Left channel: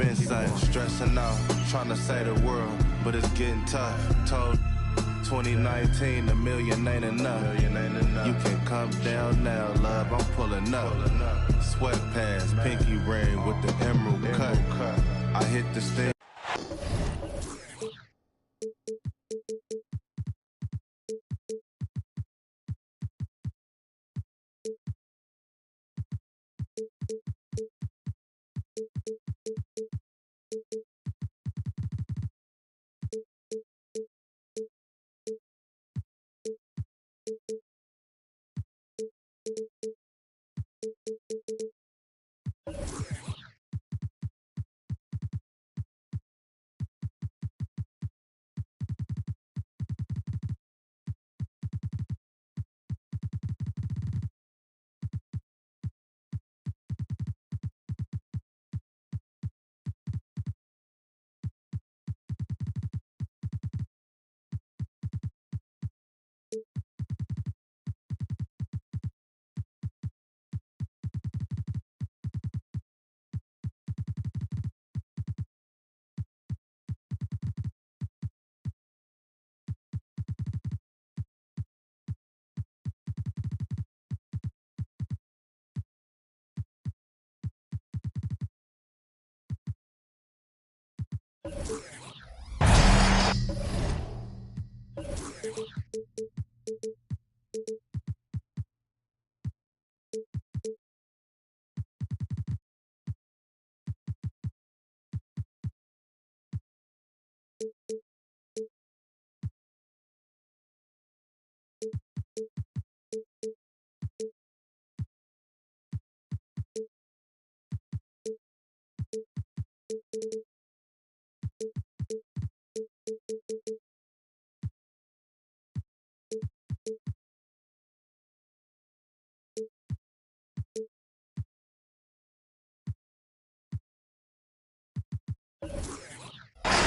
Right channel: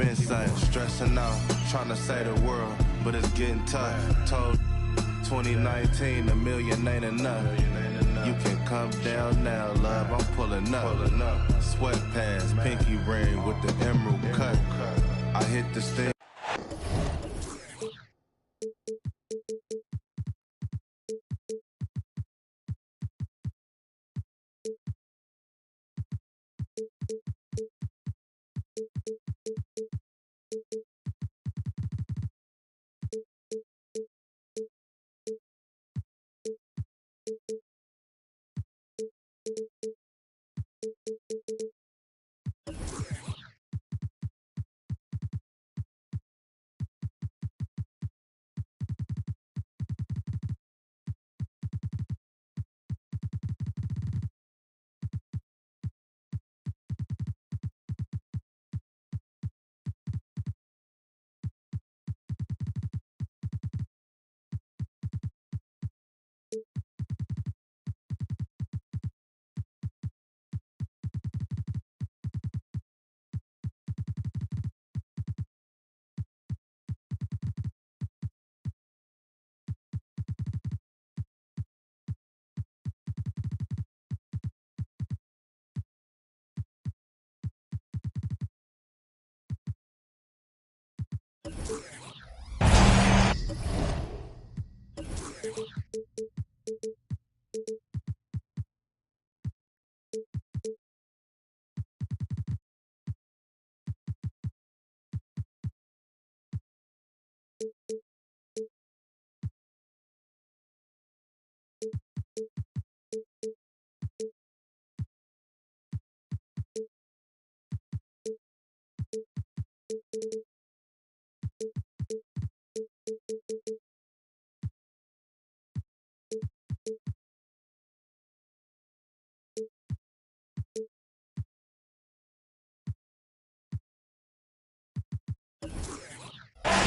been saying, stressing out, trying to save the world, but it's getting tough. Told 2019, a million ain't enough. You can come down now, love, I'm pulling up. Sweatpants, pinky ring with the emerald cut. I hit the sting.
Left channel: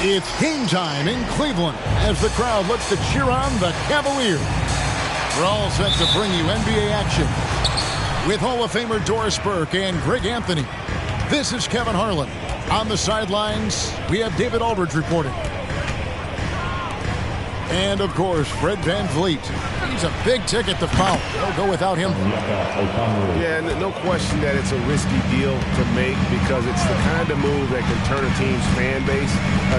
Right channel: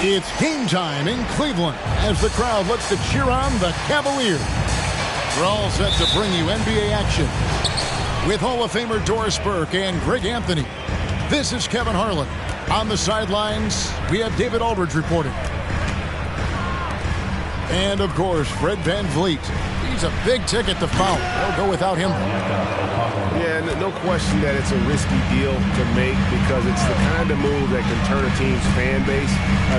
It's game time in Cleveland as the crowd looks to cheer on the Cavaliers. We're all set to bring you NBA action with Hall of Famer Doris Burke and Greg Anthony. This is Kevin Harlan. On the sidelines, we have David Aldridge reporting. And, of course, Fred VanVleet. He's a big ticket to foul. They'll go without him. Yeah, no question that it's a risky deal to make because it's the kind of move that can turn a team's fan base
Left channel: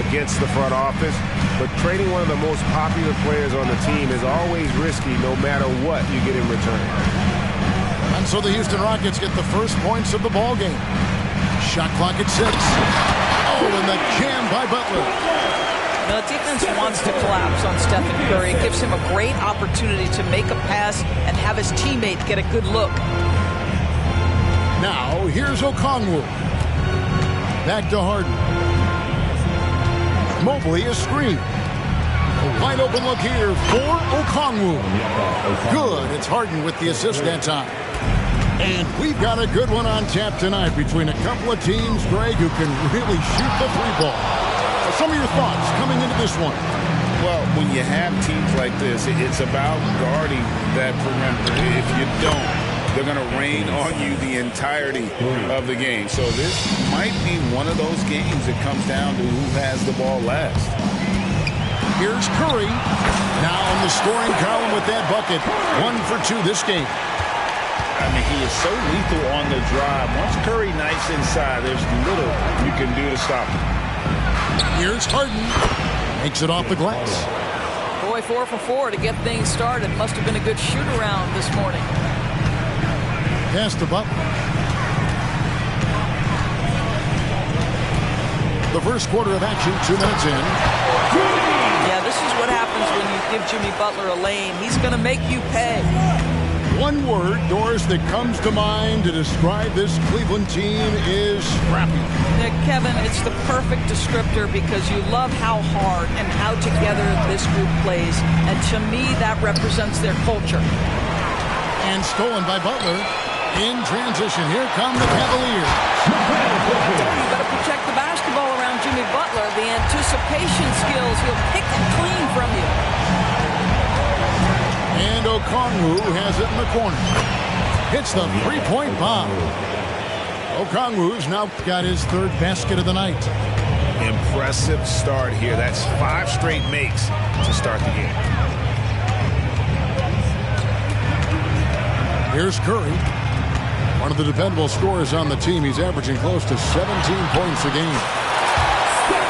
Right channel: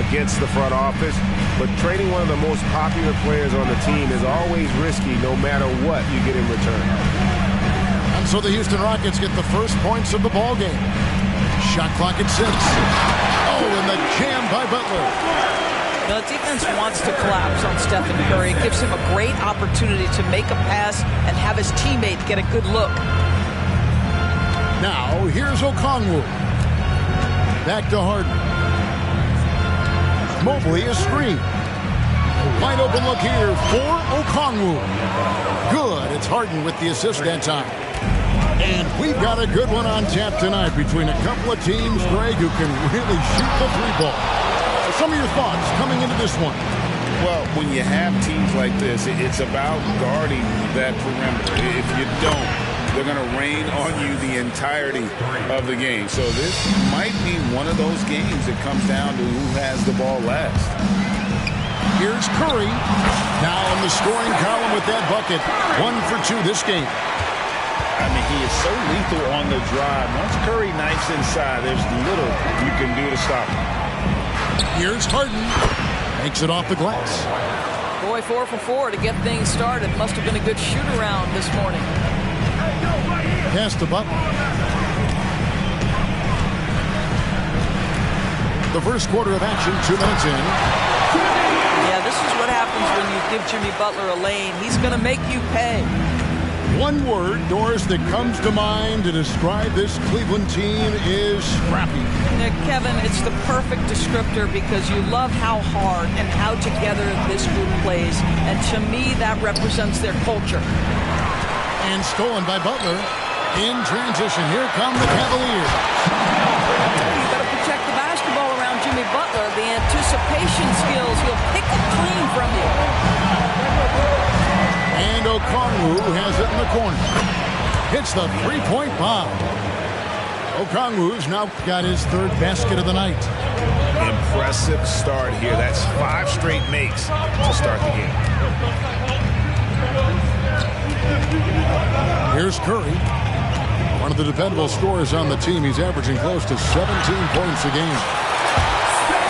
against the front office. But trading one of the most popular players on the team is always risky no matter what you get in return. And so the Houston Rockets get the first points of the ball game. Shot clock at 6. Oh, and the jam by Butler. The defense wants to collapse on Stephen Curry. It gives him a great opportunity to make a pass and have his teammate get a good look. Now, here's Okongwu. Back to Harden. Mobley, a screen. A wide open look here for Okongwu. Good. It's Harden with the assist that time. And we've got a good one on tap tonight between a couple of teams, Greg, who can really shoot the three ball. Some of your thoughts coming into this one. Well, when you have teams like this, it's about guarding that perimeter. If you don't, they're going to rain on you the entirety of the game. So this might be one of those games that comes down to who has the ball last. Here's Curry. Now in the scoring column with that bucket. 1 for 2 this game. I mean, he is so lethal on the drive. Once Curry knifes inside, there's little you can do to stop him. Here's Harden. Makes it off the glass. Boy, 4 for 4 to get things started. Must have been a good shoot-around this morning. Pass to Butler. The first quarter of action, 2 minutes in. Yeah, this is what happens when you give Jimmy Butler a lane. He's going to make you pay. One word, Doris, that comes to mind to describe this Cleveland team is scrappy. Kevin, it's the perfect descriptor because you love how hard and how together this group plays. And to me, that represents their culture. And stolen by Butler. In transition, here come the Cavaliers. I tell you, you better protect the basketball around Jimmy Butler. The anticipation skills, he'll pick it clean from you. And Okongwu has it in the corner. Hits the three-point bomb. Okongwu's now got his third basket of the night. Impressive start here. That's 5 straight makes to start the game. Here's Curry. One of the dependable scorers on the team. He's averaging close to 17 points a game.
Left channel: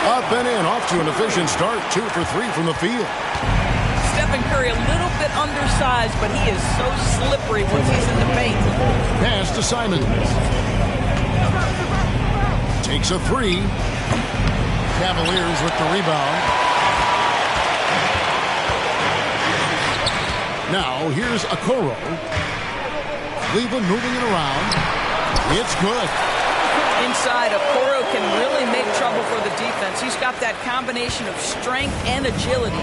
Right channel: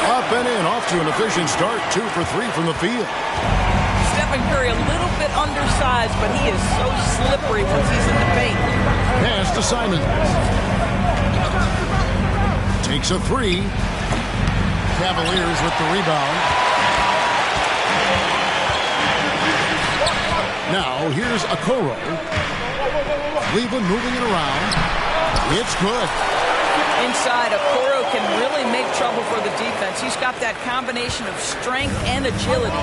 Up and in, off to an efficient start. 2 for 3 from the field. Stephen Curry, a little bit undersized, but he is so slippery once he's in the paint. Pass to Simons. Takes a 3. Cavaliers with the rebound. Now here's Okoro. Cleveland moving it around. It's good. Inside, Okoro can really make trouble for the defense. He's got that combination of strength and agility.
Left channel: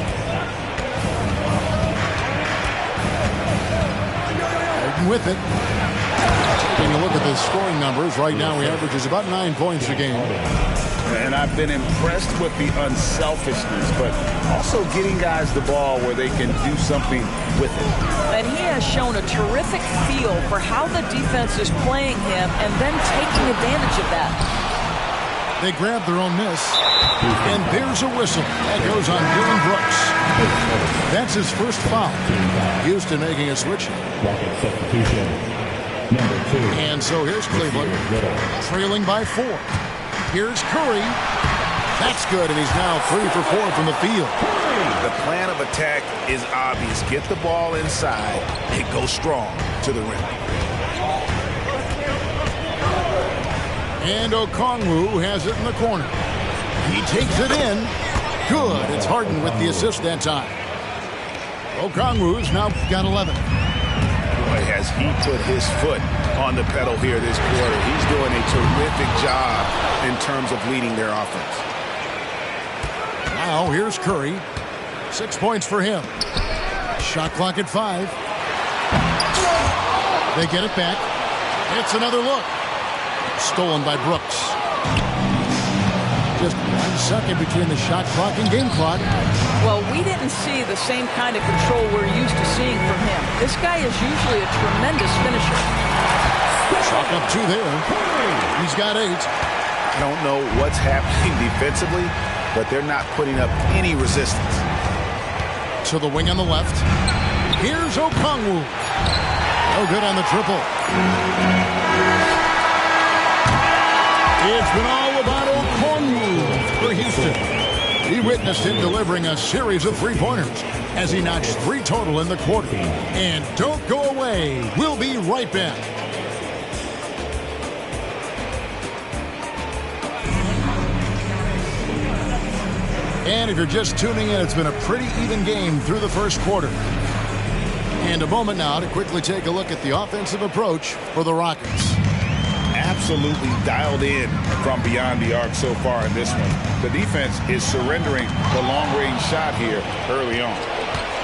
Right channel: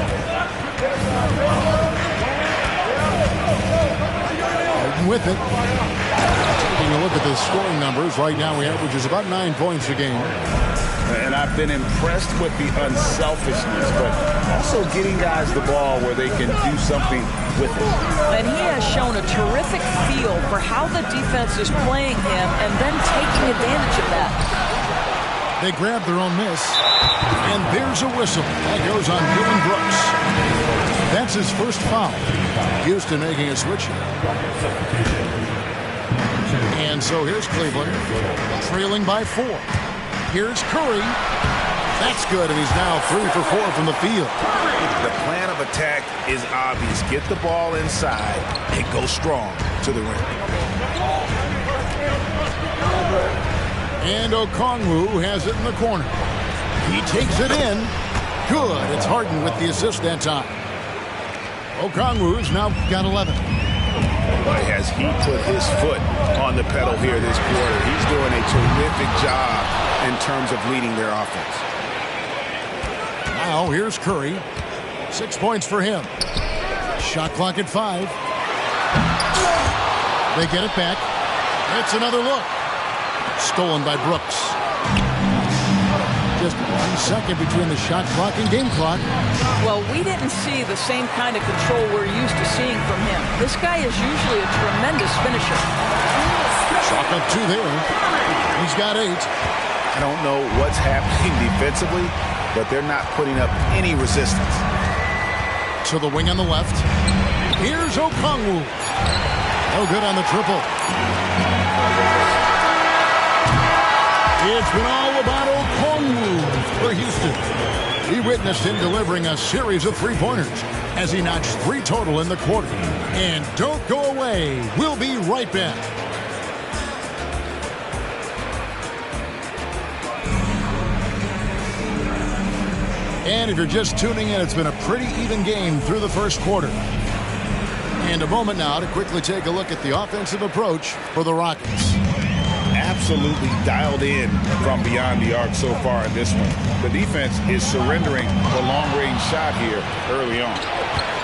Harden with it. Taking a look at the scoring numbers, right now he averages about 9 points a game. And I've been impressed with the unselfishness, but also getting guys the ball where they can do something with it. And he has shown a terrific feel for how the defense is playing him and then taking advantage of that. They grab their own miss, and there's a whistle. That goes on Dylan Brooks. That's his first foul. Houston making a switch here. And so here's Cleveland, trailing by 4. Here's Curry. That's good, and he's now 3 for 4 from the field. The plan of attack is obvious. Get the ball inside and go strong to the rim. And Okongwu has it in the corner. He takes it in. Good. It's Harden with the assist that time. Okongwu's now got 11. Boy, has he put his foot on the pedal here this quarter. He's doing a terrific job in terms of leading their offense. Now here's Curry. 6 points for him. Shot clock at 5. They get it back. It's another look. Stolen by Brooks. Just 1 second between the shot clock and game clock. Well, we didn't see the same kind of control we're used to seeing from him. This guy is usually a tremendous finisher. Chalk up 2 there. He's got 8. I don't know what's happening defensively, but they're not putting up any resistance. To the wing on the left. Here's Okongwu. No good on the triple. It's been all about Okongwu for Houston. He witnessed him delivering a series of 3-pointers as he notched 3 total in the quarter. And don't go away. We'll be right back. And if you're just tuning in, it's been a pretty even game through the first quarter. And a moment now to quickly take a look at the offensive approach for the Rockets. Absolutely dialed in from beyond the arc so far in this one. The defense is surrendering the long-range shot here early on.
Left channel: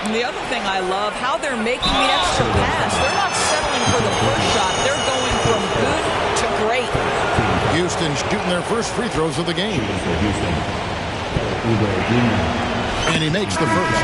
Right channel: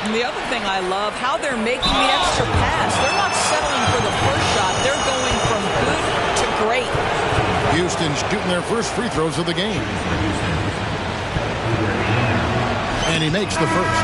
And the other thing I love, how they're making the extra pass. They're not settling for the first shot. They're going from good to great. Houston shooting their first free throws of the game. And he makes the first.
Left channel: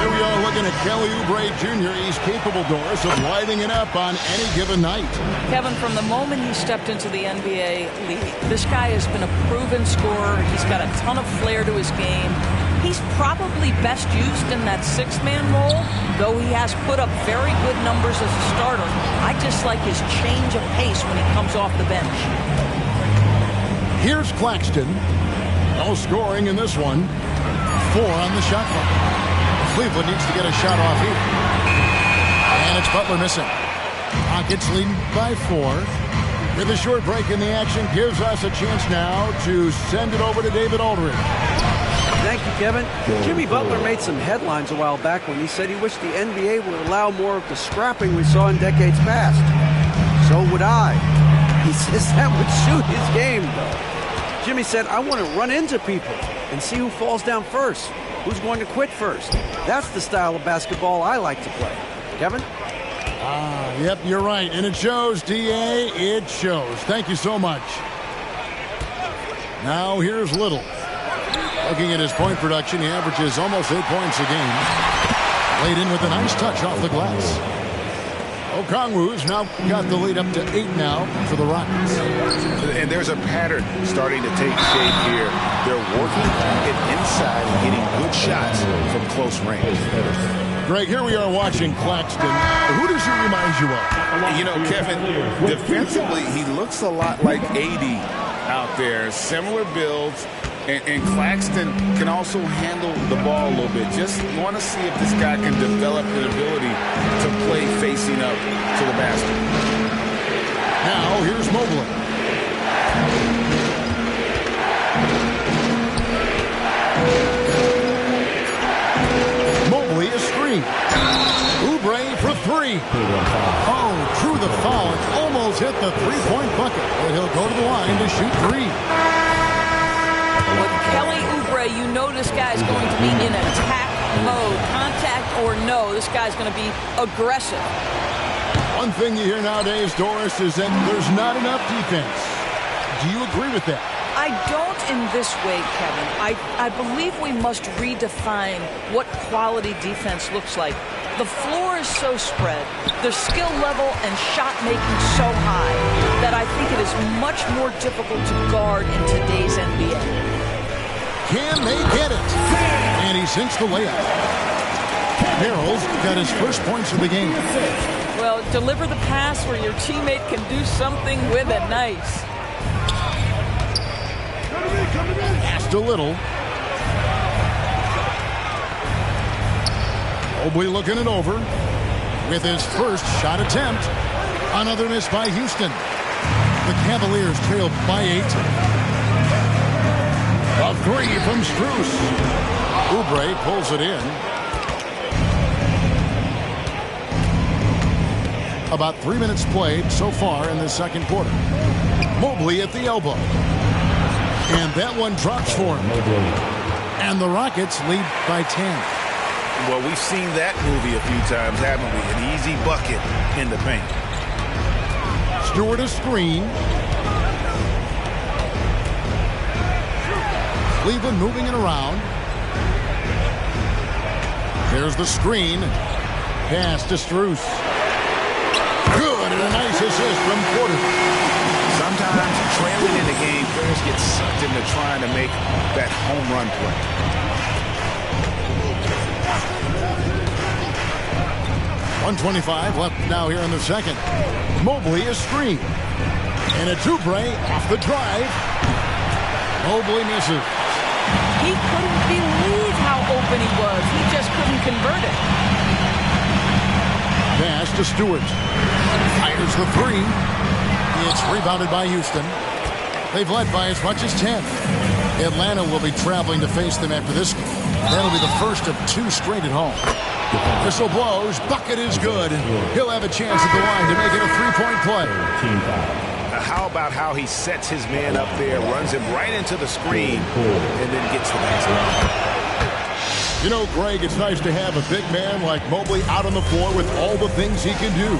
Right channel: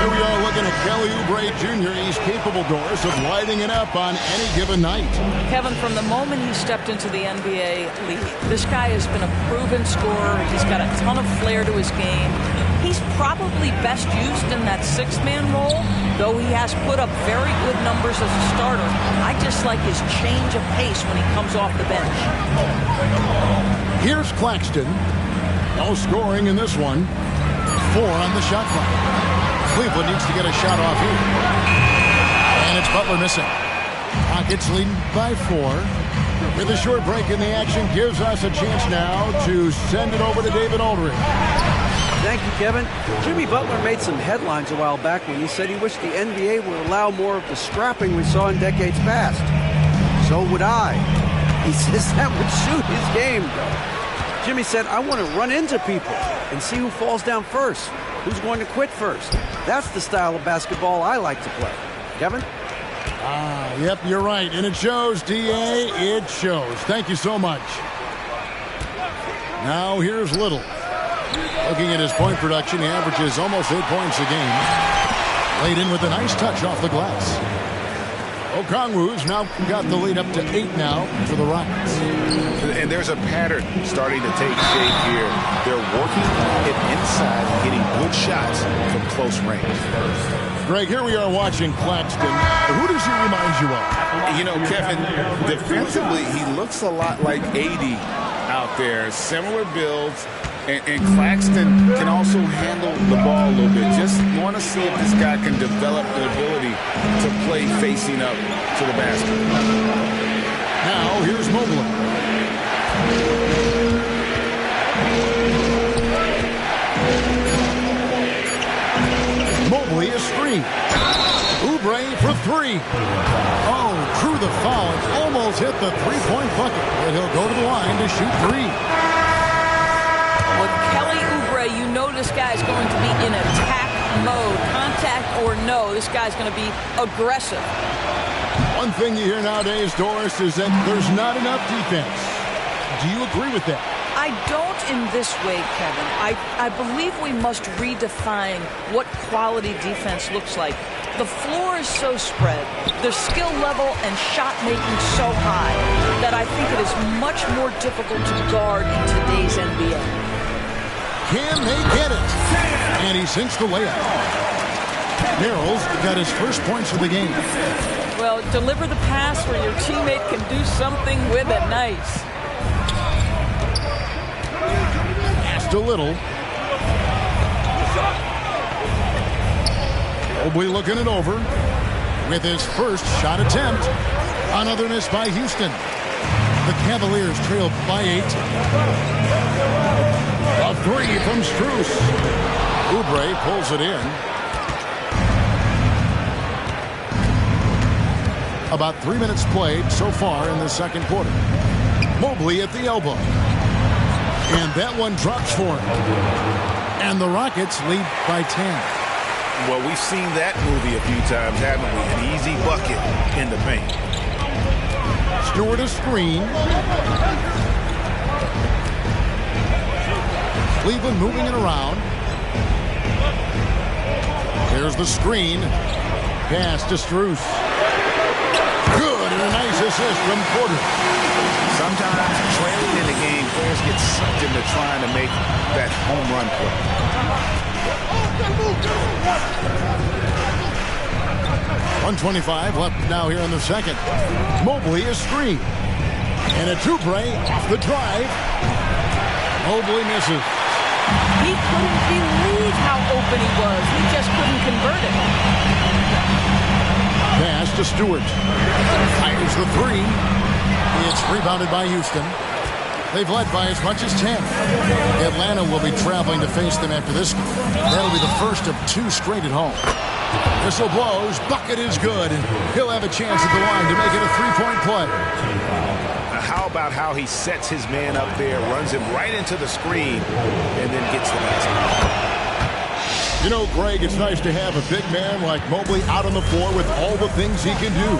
Here we are looking at Kelly Oubre Jr. He's capable, Doris, of lighting it up on any given night. Kevin, from the moment he stepped into the NBA league, this guy has been a proven scorer. He's got a ton of flair to his game. He's probably best used in that 6-man role, though he has put up very good numbers as a starter. I just like his change of pace when he comes off the bench. Here's Claxton. No scoring in this one. 4 on the shot clock. Cleveland needs to get a shot off here. And it's Butler missing. Rockets leading by 4. With a short break in the action, gives us a chance now to send it over to David Aldridge. Thank you, Kevin. Jimmy Butler made some headlines a while back when he said he wished the NBA would allow more of the scrapping we saw in decades past. So would I. He says that would suit his game, though. Jimmy said, I want to run into people and see who falls down first, who's going to quit first. That's the style of basketball I like to play. Kevin? Yep, you're right. And it shows, D.A. It shows. Thank you so much. Now here's Little. Looking at his point production, he averages almost 8 points a game. Laid in with a nice touch off the glass. Okongwu's now got the lead up to 8 now for the Rockets. And there's a pattern starting to take shape here. They're working it inside and getting good shots from close range. Greg, here we are watching Claxton. Who does he remind you of? You know, Kevin, defensively, he looks a lot like AD out there. Similar builds. And Claxton can also handle the ball a little bit. Just want to see if this guy can develop the ability to play facing up to the basket. Now, here's Mobley. Mobley is screen. Oubre for 3. Oh, drew the foul and almost hit the three-point bucket. But he'll go to the line to shoot 3. With Kelly Oubre, you know this guy's going to be in attack mode. Contact or no, this guy's going to be aggressive. One thing you hear nowadays, Doris, is that there's not enough defense. Do you agree with that? I don't in this way, Kevin. I believe we must redefine what quality defense looks like. The floor is so spread, the skill level and shot making so high that I think it is much more difficult to guard in today's NBA. Can they get it? And he sinks the layup. Merrill's got his first points of the game. Well, deliver the pass where your teammate can do something with it. Nice. Passed a little. Mobley looking it over with his first shot attempt. Another miss by Houston. The Cavaliers trail by 8. A 3 from Strus. Oubre pulls it in. About 3 minutes played so far in the second quarter. Mobley at the elbow. And that one drops for him. And the Rockets lead by 10. Well, we've seen that movie a few times, haven't we? An easy bucket in the paint. Stewart a screen. Cleveland moving it around. There's the screen. Pass to Strus. Good, and a nice assist from Porter. Sometimes trailing in the game, players get sucked into trying to make that home run play. 1:25 left now here in the second. Mobley is screened. And it's Oubre off the drive. Mobley misses. He couldn't believe how open he was. He just couldn't convert it. Pass to Stewart. Fires the 3. It's rebounded by Houston. They've led by as much as 10. Atlanta will be traveling to face them after this game. That'll be the first of 2 straight at home. Whistle blows. Bucket is good. And he'll have a chance at the line to make it a 3-point play. How about how he sets his man up there, runs him right into the screen, and then gets the basket. You know, Greg, it's nice to have a big man like Mobley out on the floor with all the things he can do.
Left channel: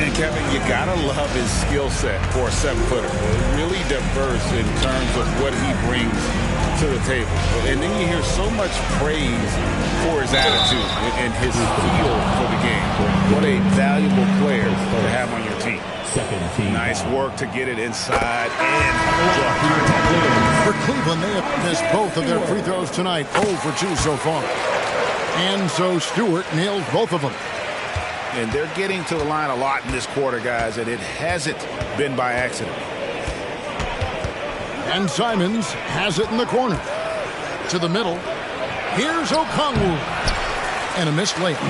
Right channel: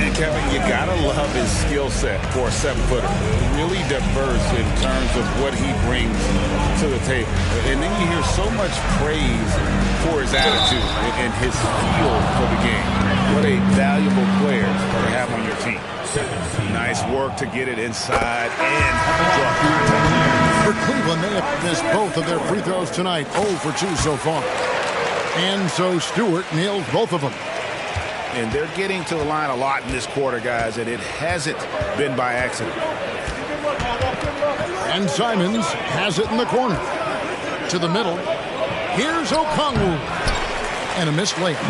And Kevin, you gotta love his skill set for a 7-footer. Really diverse in terms of what he brings to the table. And then you hear so much praise for his attitude and his feel for the game. What a valuable player to have on your team. Nice work to get it inside and draw contact. For Cleveland, they have missed both of their free throws tonight. 0 for 2 so far. And so Stewart nails both of them. And they're getting to the line a lot in this quarter, guys, and it hasn't been by accident. And Simons has it in the corner. To the middle. Here's Okongwu. And a missed layup.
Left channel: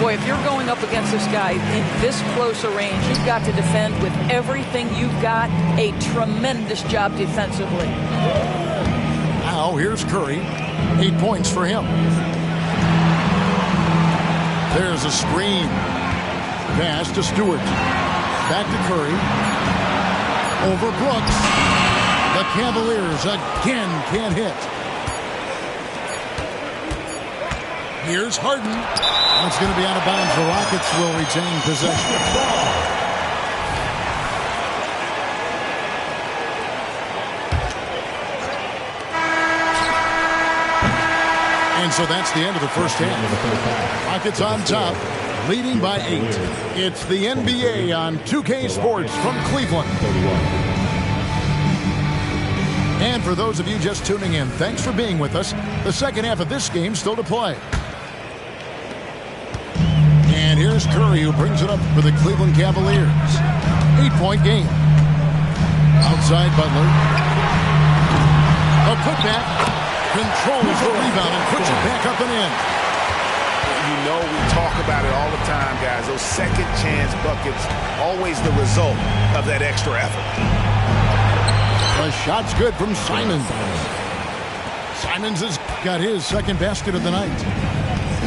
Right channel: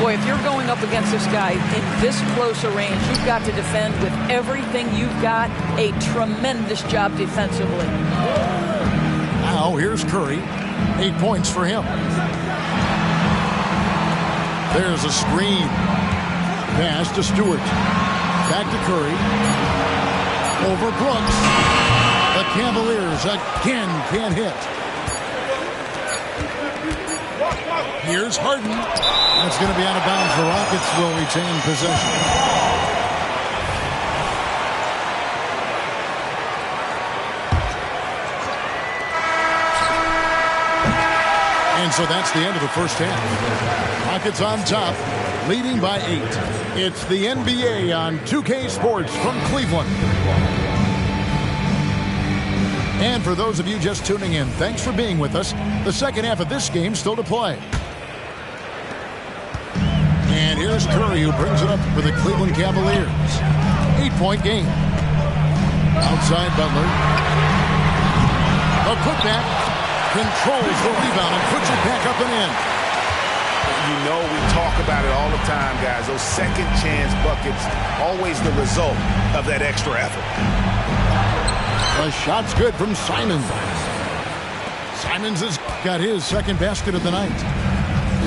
Boy, if you're going up against this guy in this close a range, you've got to defend with everything you've got. A tremendous job defensively. Now here's Curry. 8 points for him. There's a screen. Pass to Stewart. Back to Curry. Over Brooks. The Cavaliers again can't hit. Here's Harden. It's going to be out of bounds. The Rockets will retain possession. And so that's the end of the first half. Rockets on top, leading by 8. It's the NBA on 2K Sports from Cleveland. And for those of you just tuning in, thanks for being with us. The second half of this game still to play. And here's Curry, who brings it up for the Cleveland Cavaliers. 8-point game. Outside Butler. A putback. Controls the rebound and puts it back up and in. You know, we talk about it all the time, guys. Those second chance buckets, always the result of that extra effort. The shot's good from Simons. Simons has got his second basket of the night.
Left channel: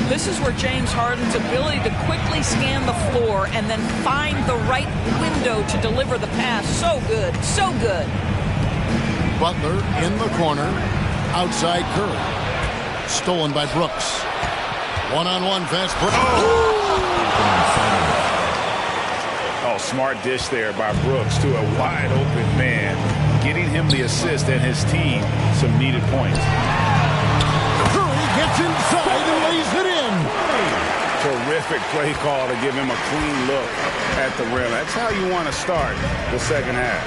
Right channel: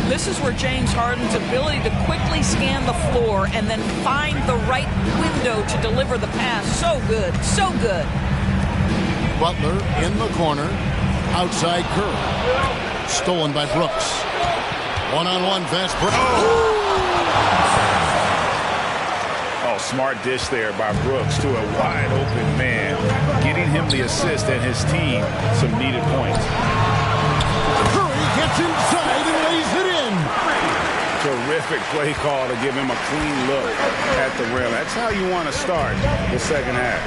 This is where James Harden's ability to quickly scan the floor and then find the right window to deliver the pass. So good, so good. Butler in the corner. Outside Curry. Stolen by Brooks. One-on-one fast break. Oh, smart dish there by Brooks to a wide open man, getting him the assist and his team some needed points. Curry gets inside and lays it in. Terrific play call to give him a clean look at the rim. That's how you want to start the second half.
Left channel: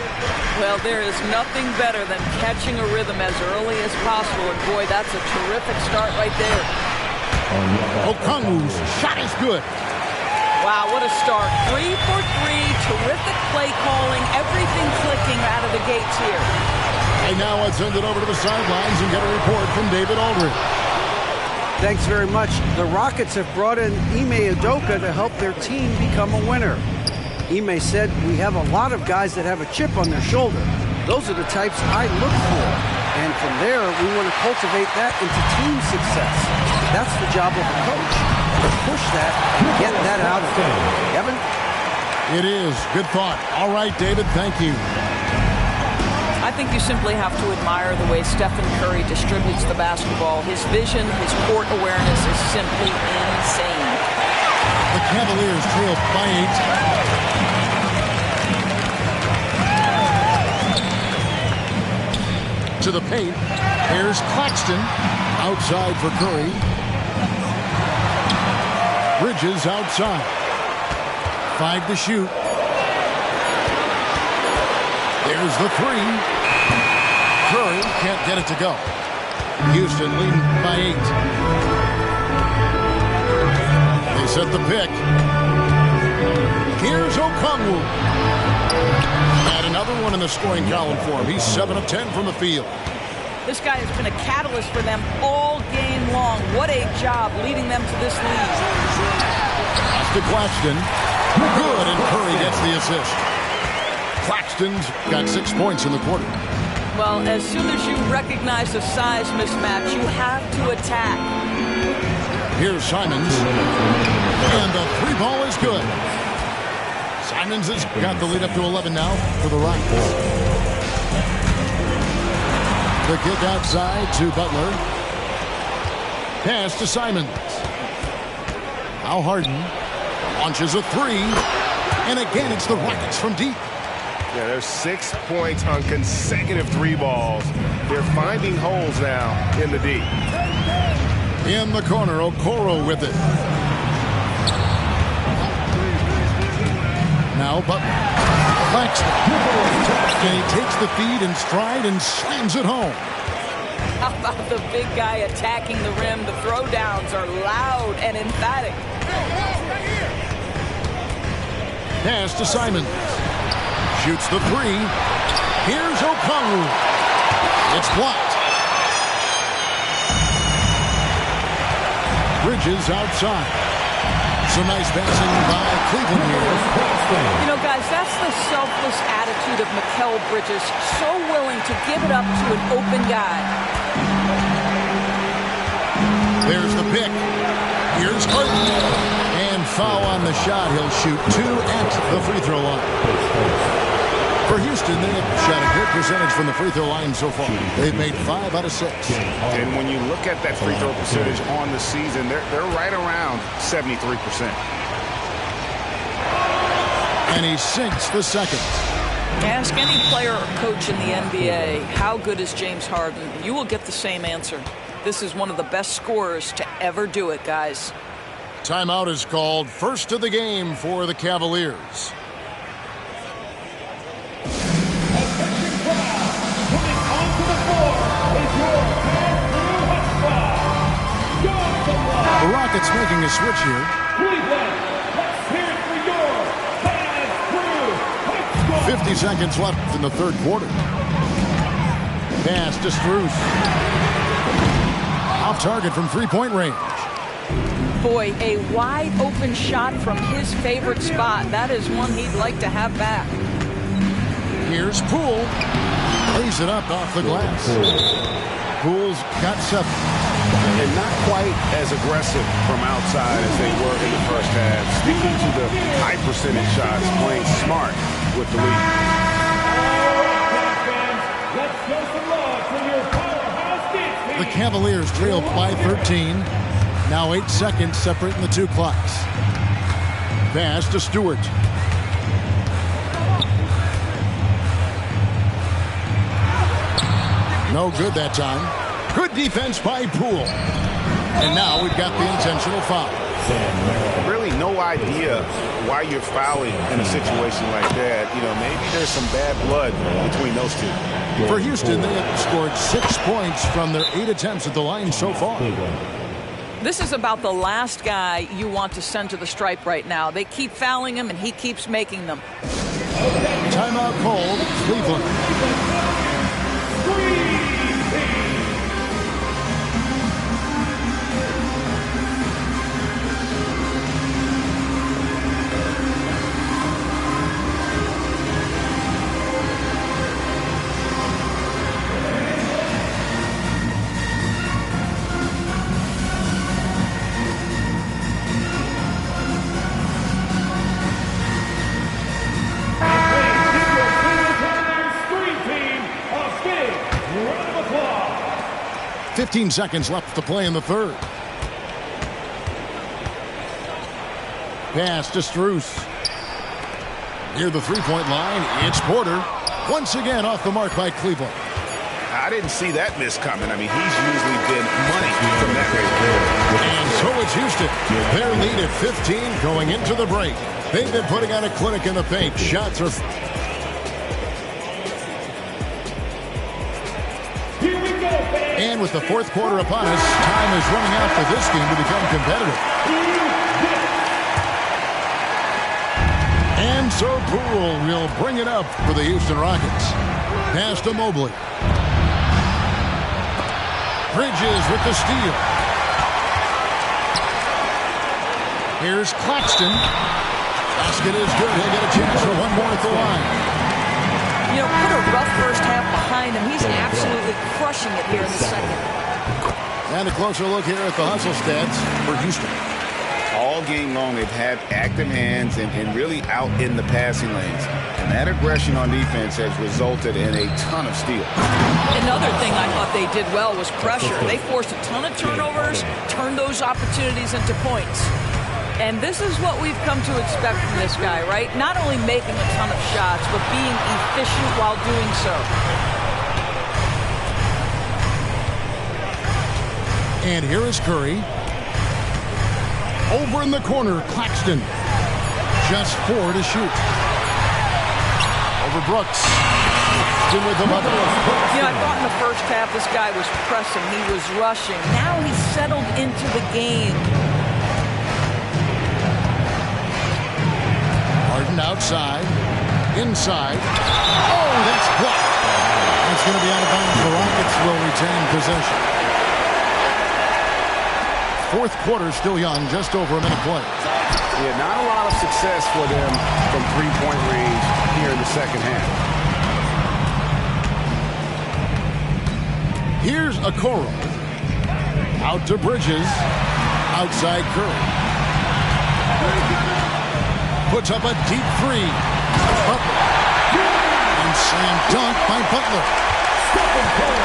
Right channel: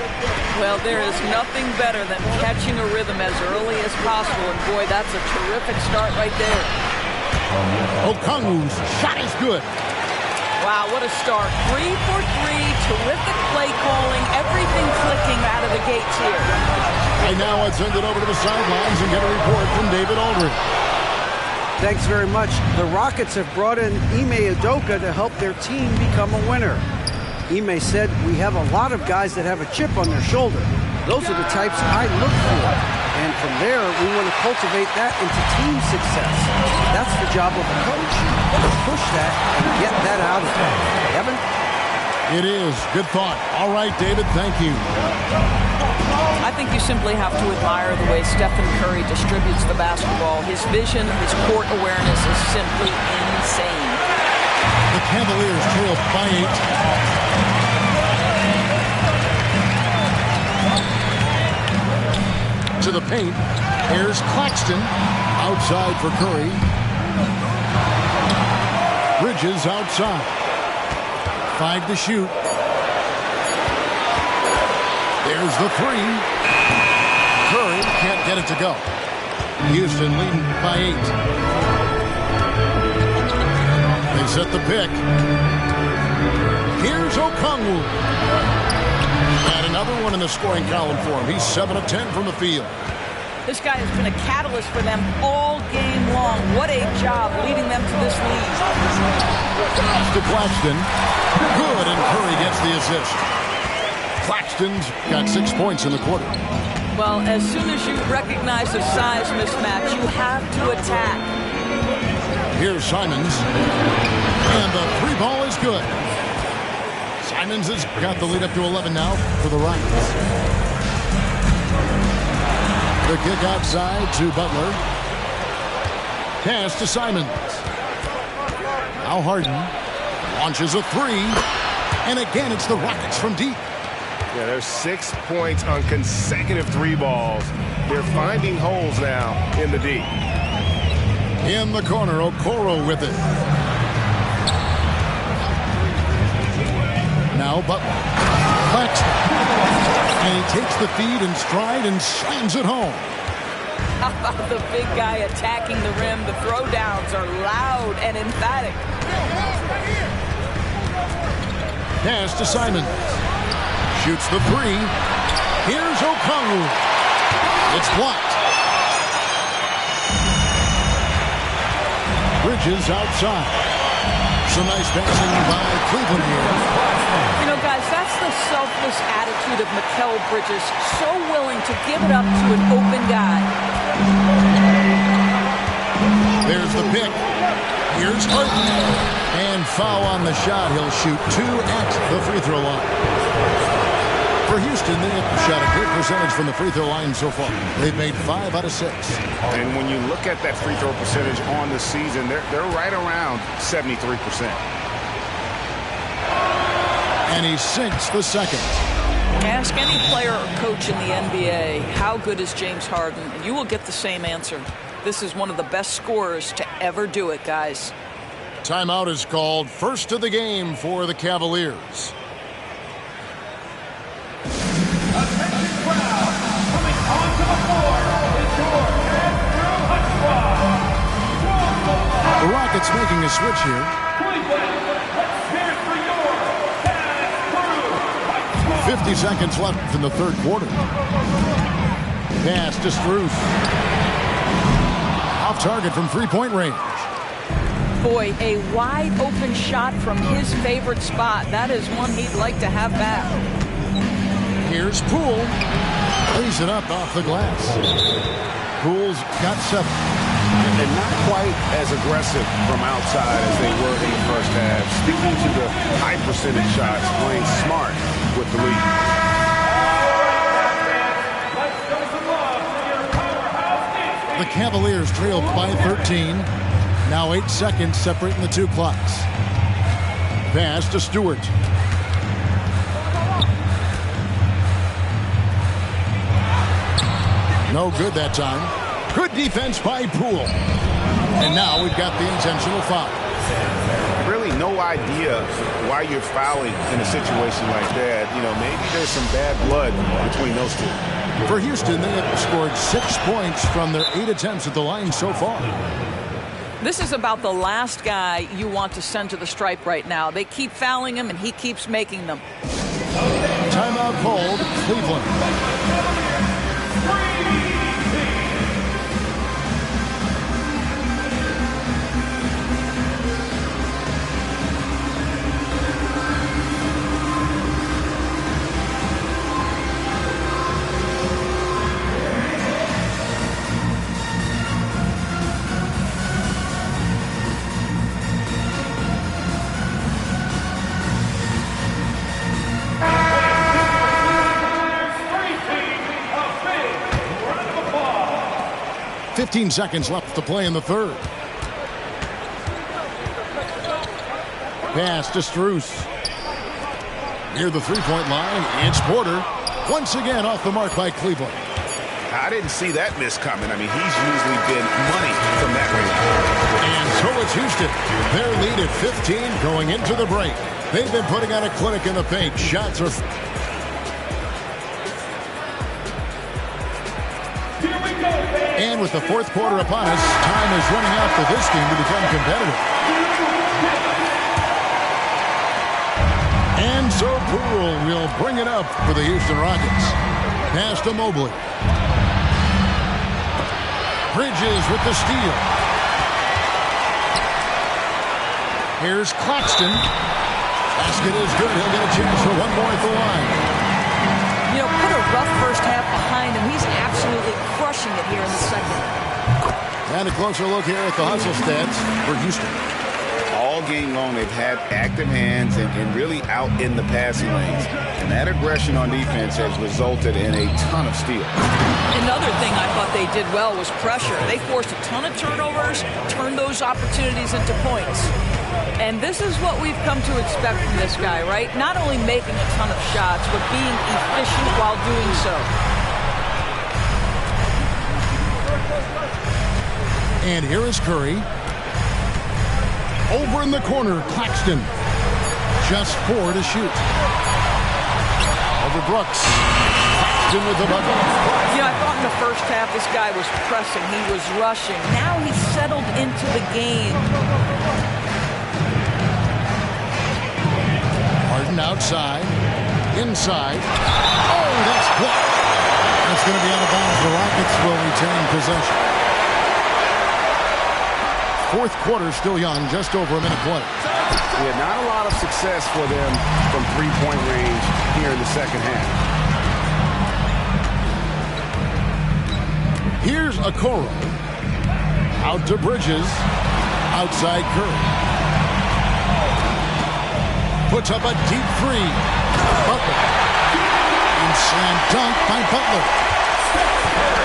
Well, there is nothing better than catching a rhythm as early as possible, and boy, that's a terrific start right there. Okongwu's shot is good. Wow, what a start. 3 for 3, terrific play calling, everything clicking out of the gates here. And now let's send it over to the sidelines and get a report from David Aldridge. Thanks very much. The Rockets have brought in Ime Udoka to help their team become a winner. Ime said, "We have a lot of guys that have a chip on their shoulder. Those are the types I look for. And from there, we want to cultivate that into team success. That's the job of a coach, to push that and get that out of them." Evan? It is. Good thought. All right, David, thank you. I think you simply have to admire the way Stephen Curry distributes the basketball. His vision, his court awareness is simply insane. The Cavaliers trail by 8. To the paint. Here's Claxton. Outside for Curry. Bridges outside. 5 to shoot. There's the 3. Curry can't get it to go. Houston leading by 8. They set the pick. Here's Okongwu. And another one in the scoring column for him. He's 7 of 10 from the field. This guy has been a catalyst for them all game long. What a job leading them to this lead. Pass to Claxton. Good, and Curry gets the assist. Claxton's got 6 points in the quarter. Well, as soon as you recognize the size mismatch, you have to attack. Here's Simons. And the 3 ball is good. Simons has got the lead up to 11 now for the Rockets. The kick outside to Butler. Pass to Simons. Now Harden launches a 3. And again, it's the Rockets from deep. Yeah, there's 6 points on consecutive 3 balls. They're finding holes now in the D. In the corner, Okoro with it. Now Butler. Claxton. And he takes the feed in stride and slams it home. How about the big guy attacking the rim? The throwdowns are loud and emphatic. Pass to Simons. Shoots the 3. Here's Okongwu. It's blocked. Bridges outside. Some nice passing by Cleveland here. You know, guys, that's the selfless attitude of Mikal Bridges. So willing to give it up to an open guy. There's the pick. Here's Harden. And foul on the shot. He'll shoot 2 at the free throw line. For Houston, they have shot a good percentage from the free throw line so far. They've made 5 out of 6. And when you look at that free throw percentage on the season, they're right around 73%. And he sinks the second. Ask any player or coach in the NBA, how good is James Harden? And you will get the same answer. This is one of the best scorers to ever do it, guys. Timeout is called. First of the game for the Cavaliers. Attention crowd, coming onto the floor is your pass-through hot squad. The Rockets making a switch here. Cleveland, let's hear it for your pass-through hot squad. 50 seconds left in the third quarter. Pass to Strus. Off target from three-point range. Boy, a wide open shot from his favorite spot. That is one he'd like to have back. Here's Poole. Lays it up off the glass. Poole's got 7. And not quite as aggressive from outside as they were in the first half. Sticking to the high percentage shots, playing smart with the lead. Let's show some love for your powerhouse dance. The Cavaliers trailed by 13. Now 8 seconds separating the two clocks. Pass to Stewart. No good that time. Good defense by Poole. And now we've got the intentional foul. Really no idea why you're fouling in a situation like that. You know, maybe there's some bad blood between those two. For Houston, they have scored 6 points from their 8 attempts at the line so far. This is about the last guy you want to send to the stripe right now. They keep fouling him, and he keeps making them. Timeout called, Cleveland. Stream team, a big round of applause. 15 seconds left to play in the third. Pass to Strus. Near the three-point line, it's Porter. Once again off the mark by Cleveland. I didn't see that miss coming. I mean, he's usually been money from that range. And so it's Houston. Their lead at 15 going into the break. They've been putting on a clinic in the paint. Shots are... Here we go, fans. And with the fourth quarter upon us, time is running out for this game to become competitive. And so Poole will bring it up for the Houston Rockets. Pass to Mobley. Bridges with the steal. Here's Claxton. Basket is good. He'll get a chance for one more at the line. You know, put a rough first half behind him. He's absolutely crushing it here in the second. And a closer look here at the hustle stats for Houston. All game long, they've had active hands and really out in the passing lanes. And that aggression on defense has resulted in a ton of steals. Another thing I thought they did well was pressure. They forced a ton of turnovers, turned those opportunities into points. And this is what we've come to expect from this guy, right? Not only making a ton of shots, but being efficient while doing so. And here is Curry. Over in the corner, Claxton. Just 4 to shoot. Over Brooks. Claxton with the bucket. You know, I thought in the first half this guy was pressing. He was rushing. Now he's settled into the game. Harden outside. Inside. Oh, that's blocked. That's going to be out of bounds. The Rockets will retain possession. Fourth quarter still young, just over a minute play. Yeah, not a lot of success for them from three-point range here in the second half. Here's Okoro. Out to Bridges. Outside Curry. Puts up a deep three. Butler. And slam dunk by Butler.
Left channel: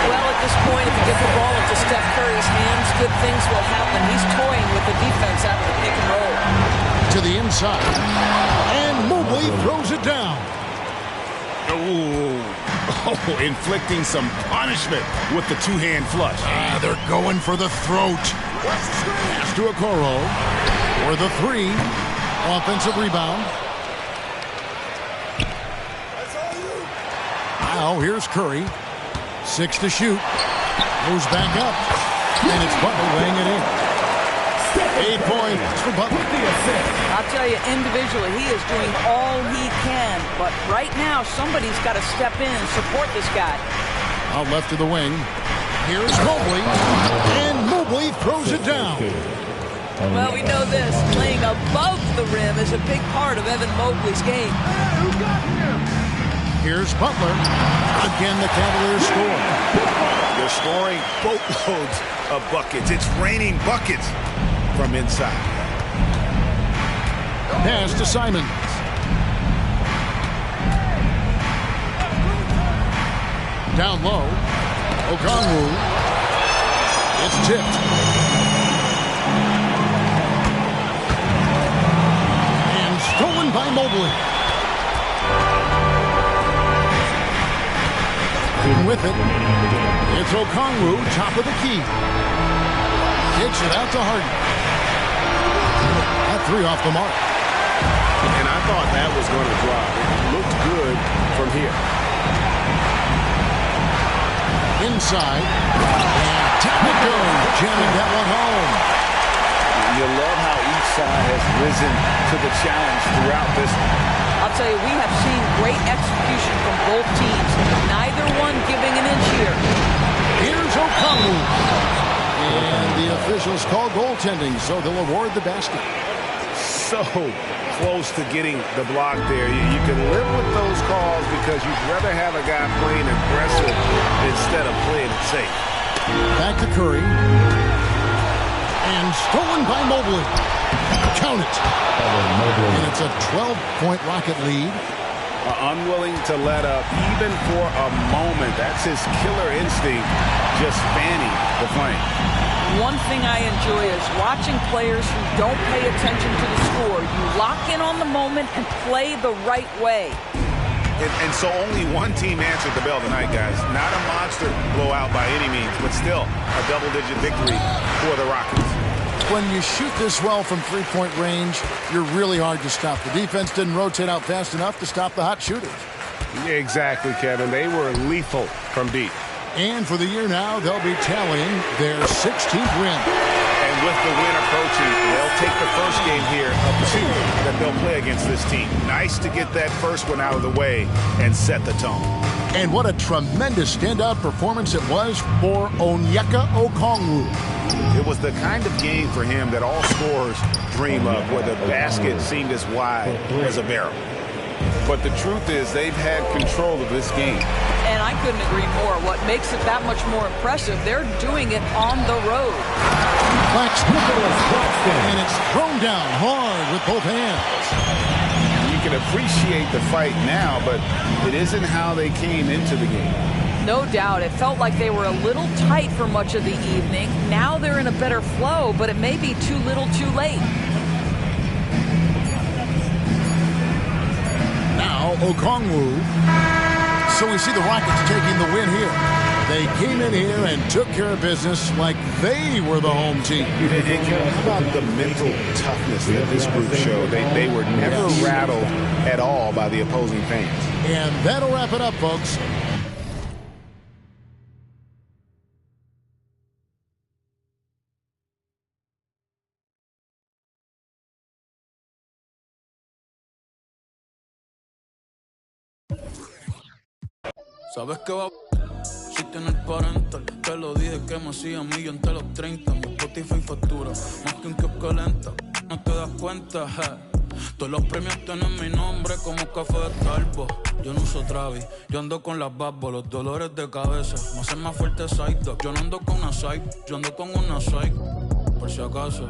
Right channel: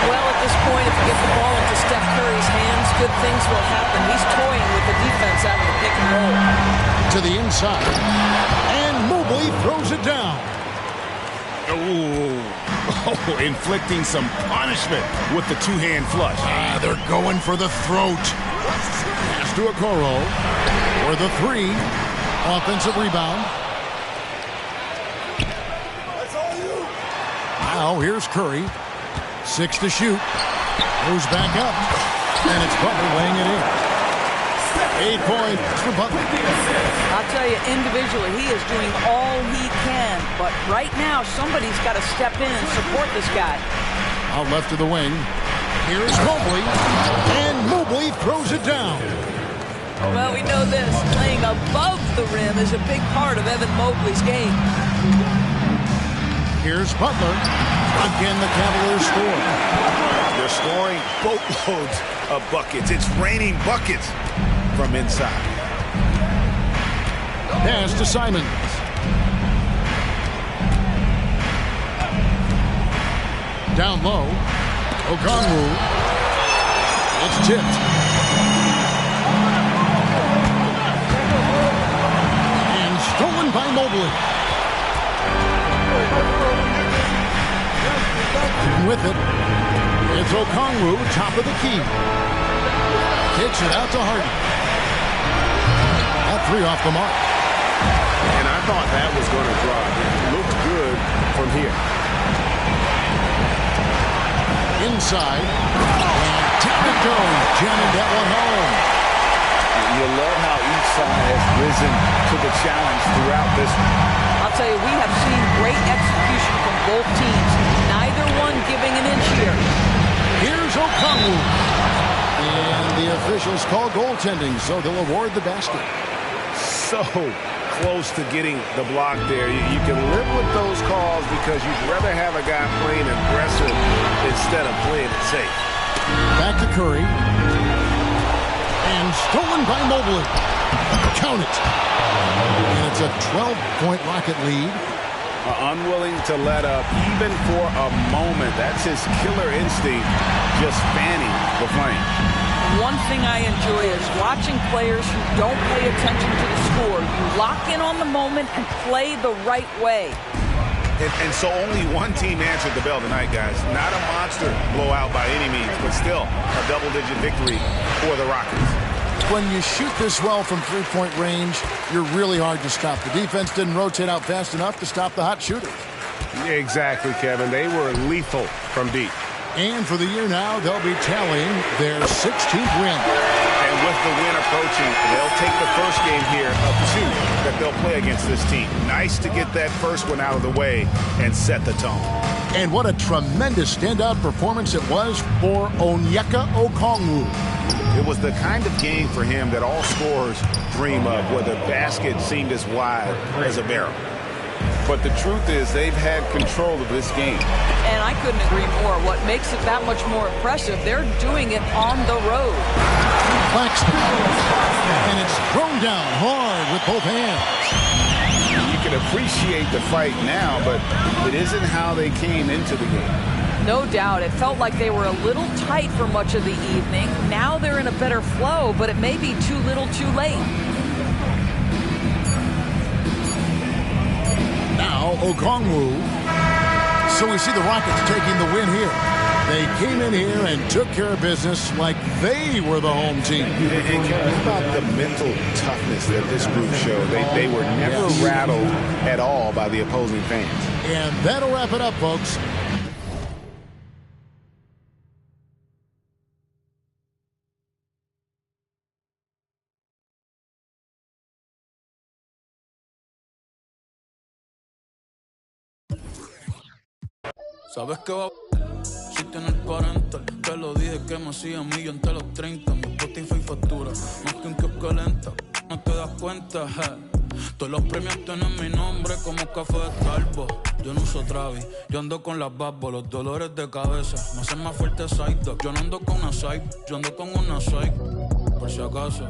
Well, at this point, if you get the ball into Steph Curry's hands, good things will happen. He's toying with the defense out of the pick and roll. To the inside. And Mobley throws it down. Oh, inflicting some punishment with the two-hand flush. They're going for the throat. Pass to Okoro. For the three. Offensive rebound. Now here's Curry. 6 to shoot. Goes back up. And it's Butler laying it in. 8 points for Butler. I'll tell you, individually, he is doing all he can. But right now, somebody's got to step in and support this guy. Out left of the wing. Here's Mobley. And Mobley throws it down. Well, we know this. Playing above the rim is a big part of Evan Mobley's game. Here's Butler. Again, the Cavaliers score. They're scoring boatloads of buckets. It's raining buckets from inside. Pass to Simons. Down low. Okongwu. It's tipped. And stolen by Mobley. With it, it's Okongwu, top of the key. Kicks it out to Harden. That three off the mark. And I thought that was going to drop. It looked good from here. Inside. And down it goes, jamming that one home. You love how each side has risen to the challenge throughout this one. I'll tell you, we have seen great execution from both teams. Neither one giving an inch here. Here's Okongwu. And the officials call goaltending, so they'll award the basket. So close to getting the block there. You can live with those calls because you'd rather have a guy playing aggressive instead of playing it safe. Back to Curry. And stolen by Mobley. Count it. And it's a 12-point Rocket lead. Unwilling to let up even for a moment. That's his killer instinct, just fanning the flame. One thing I enjoy is watching players who don't pay attention to the score. You lock in on the moment and play the right way. And so only one team answered the bell tonight, guys. Not a monster blowout by any means, but still a double-digit victory for the Rockets. When you shoot this well from three-point range, you're really hard to stop. The defense didn't rotate out fast enough to stop the hot shooters. Exactly, Kevin. They were lethal from deep. And for the year now, they'll be tallying their 16th win. And with the win approaching, they'll take the first game here of 2 that they'll play against this team. Nice to get that first one out of the way and set the tone. And what a tremendous standout performance it was for Onyeka Okongwu. It was the kind of game for him that all scorers dream of, where the basket seemed as wide as a barrel. But the truth is, they've had control of this game. And I couldn't agree more. What makes it that much more impressive, they're doing it on the road. Claxton. And it's thrown down hard with both hands. You can appreciate the fight now, but it isn't how they came into the game. No doubt. It felt like they were a little tight for much of the evening. Now they're in a better flow, but it may be too little too late. Now Okongwu. So we see the Rockets taking the win here. They came in here and took care of business like they were the home team. And Kevin, how about the mental toughness that this group showed? They were never rattled at all by the opposing fans. And that'll wrap it up, folks. Sabes que va si tienes parental. Te lo dije que me hacía millón entre los 30. Mi Spotify factura más que un kiosco lenta. No te das cuenta, todos los premios tienen mi nombre como café de Starbucks. Yo no uso Travis, yo ando con las babos, los dolores de cabeza me hacen más fuerte side dog. Yo no ando con una side, yo ando con una side. Por si acaso,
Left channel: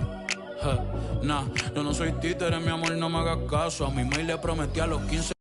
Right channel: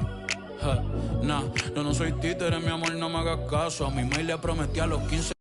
nah, yo no soy títere, mi amor, no me hagas caso. A mi mail le prometí a los 15.